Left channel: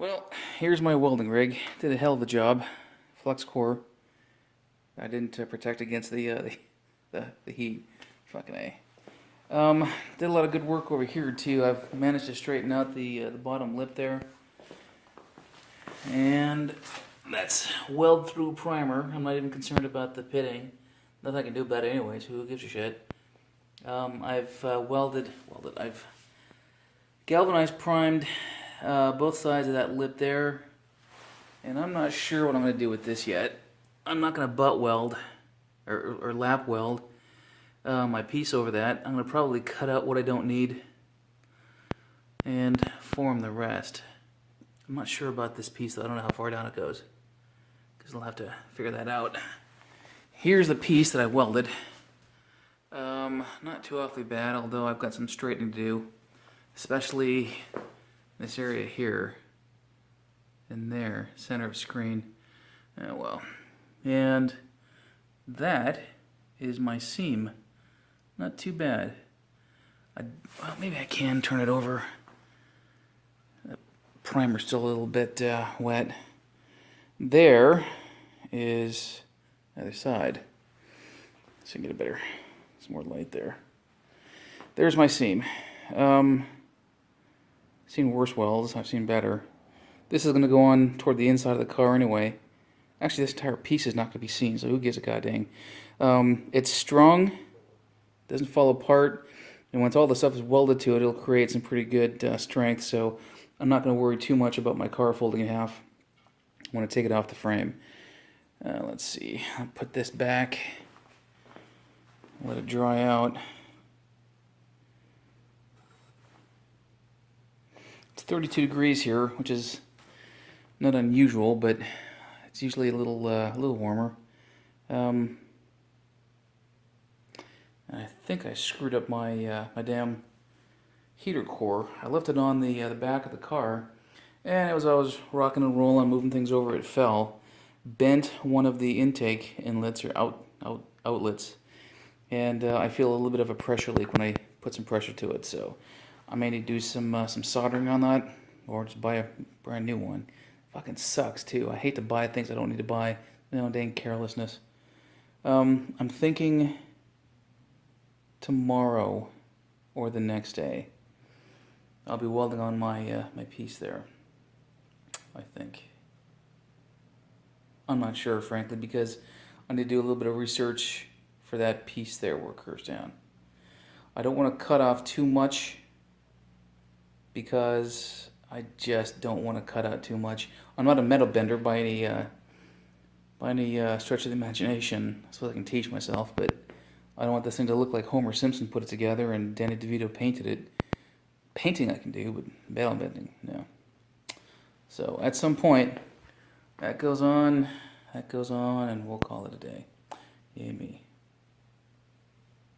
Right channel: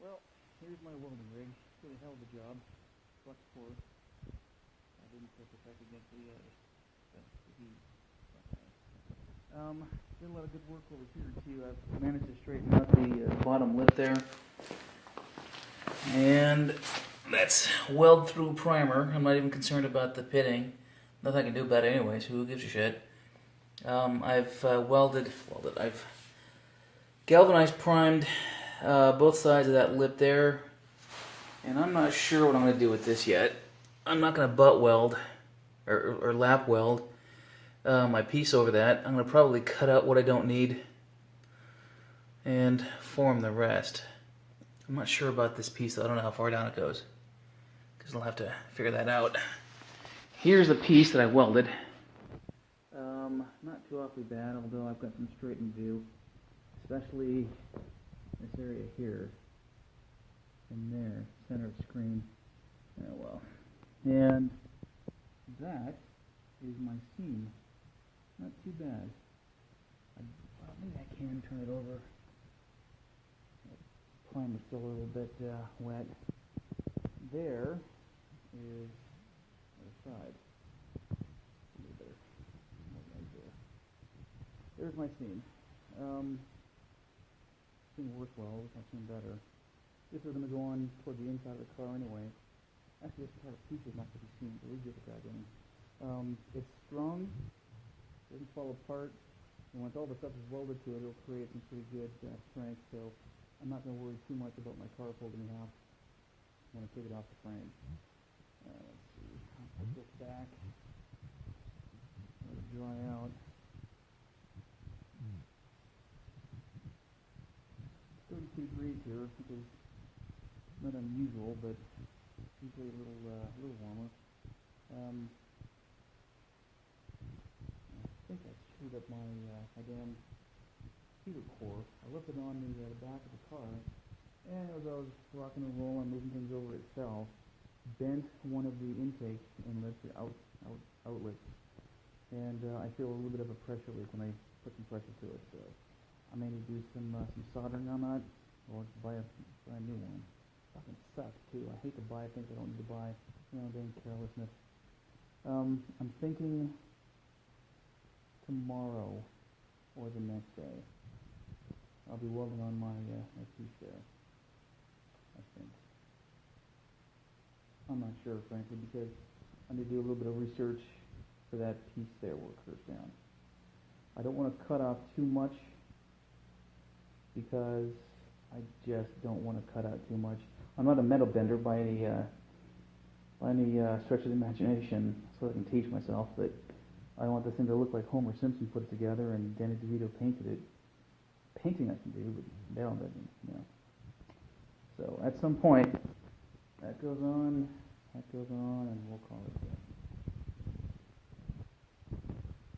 Well, here's my welding rig. Did a hell of a job. Flux core. I didn't protect against the heat. Fucking A. Did a lot of good work over here too. I've managed to straighten out the bottom lip there. And that's weld through primer. I'm not even concerned about the pitting. Nothing I can do about it anyways. Who gives a shit? I've I've galvanized primed both sides of that lip there. And I'm not sure what I'm going to do with this yet. I'm not going to butt weld or lap weld my piece over that. I'm going to probably cut out what I don't need and form the rest. I'm not sure about this piece though. I don't know how far down it goes because I'll have to figure that out. Here's the piece that I welded. Not too awfully bad, although I've got some straightening to do, especially this area here and there, center of screen. Oh well. And that is my seam. Not too bad. Well, maybe I can turn it over. The primer's still a little bit wet. There is the other side. So you can get a better, some more light there. There's my seam. Seen worse welds, I've seen better. This is going to go on toward the inside of the car anyway. Actually, this entire piece is not going to be seen, so who gives a goddamn. It's strong, doesn't fall apart, and once all the stuff is welded to it, it'll create some pretty good strength, so I'm not going to worry too much about my car folding in half. I want to take it off the frame. Let's see, I'll put this back, let it dry out. It's 32 degrees here, which is not unusual, but it's usually a little warmer. I think I screwed up my my damn heater core. I left it on the back of the car, and as I was rocking and rolling, moving things over, it fell, bent one of the intake inlets or outlets, and I feel a little bit of a pressure leak when I put some pressure to it. So I may need to do some soldering on that, or just buy a brand new one. Fucking sucks too. I hate to buy things I don't need to buy. You know, dang carelessness. I'm thinking tomorrow or the next day I'll be welding on my my piece there. I think. I'm not sure, frankly, because I need to do a little bit of research for that piece there where it curves down. I don't want to cut off too much because I just don't want to cut out too much. I'm not a metal bender by any stretch of the imagination. I suppose I can teach myself, but I don't want this thing to look like Homer Simpson put it together and Danny DeVito painted it. Painting I can do, but metal bending, no. So at some point, that goes on, and we'll call it a day. Yay me.